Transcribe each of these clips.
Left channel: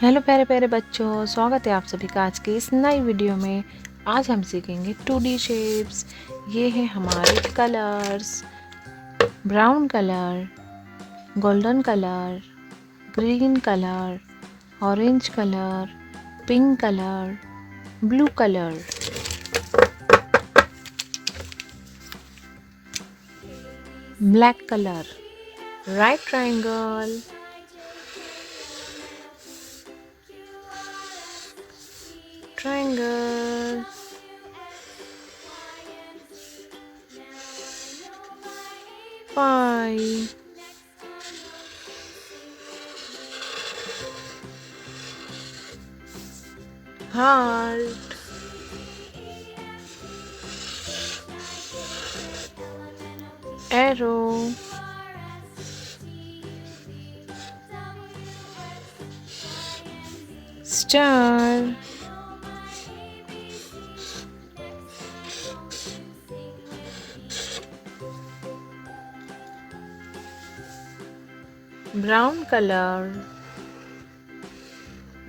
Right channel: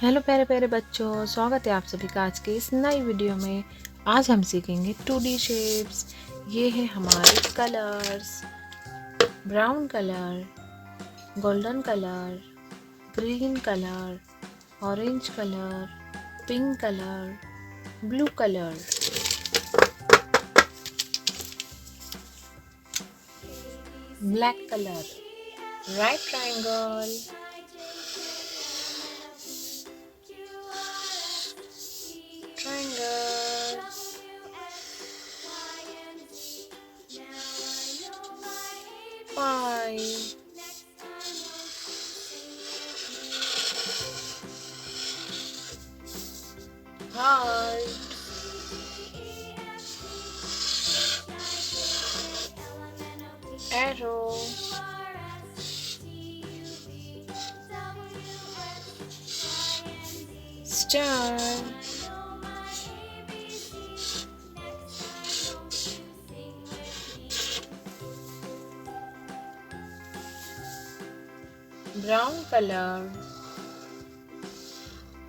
Hello प्यारे प्यारे बच्चों, स्वागत है आप सभी का आज के इस नई वीडियो में। आज हम सीखेंगे 2D शेप्स। ये है हमारे colours: brown colour, golden colour, green colour, orange colour, pink colour, blue colour. Black colour, right triangle, triangle, pie, heart, arrow, star, brown color,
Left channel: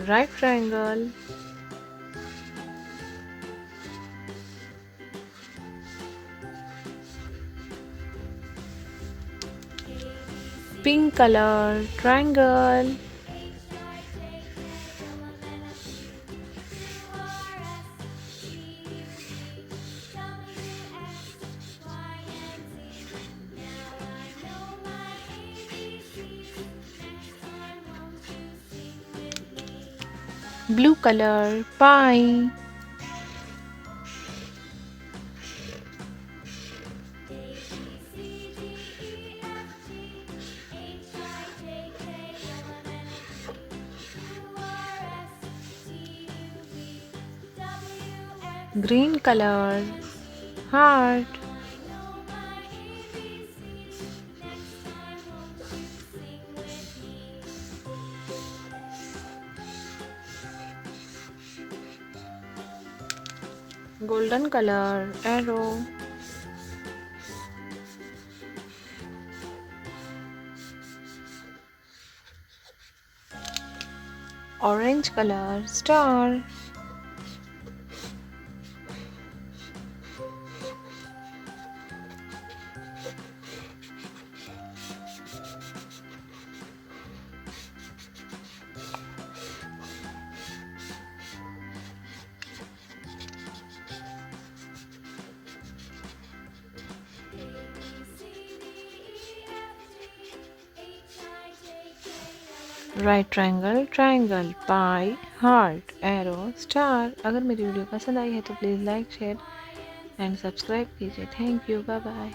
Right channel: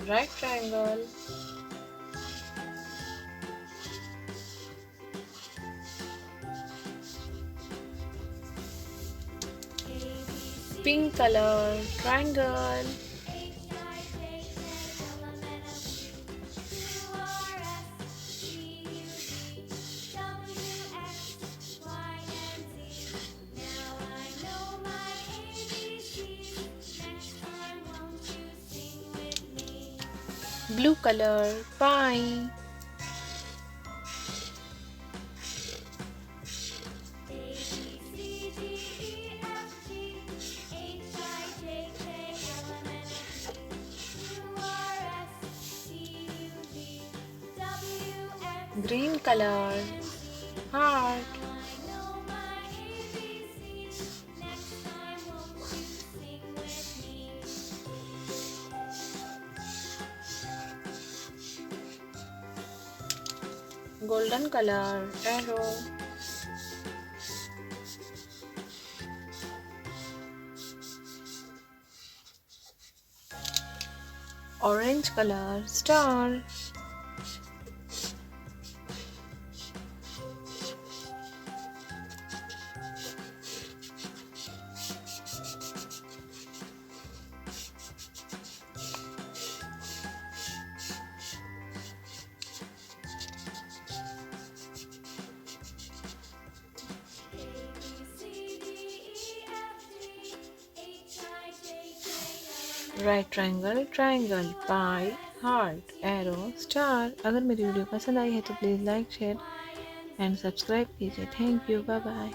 right triangle, pink color, triangle, blue color, pie, green color, heart, golden color, arrow, orange color, star, right triangle, triangle, pie, heart, arrow, star. अगर मेरी वीडियो पसंद आई है तो please like, share and subscribe कीजिए। Thank you, bye bye.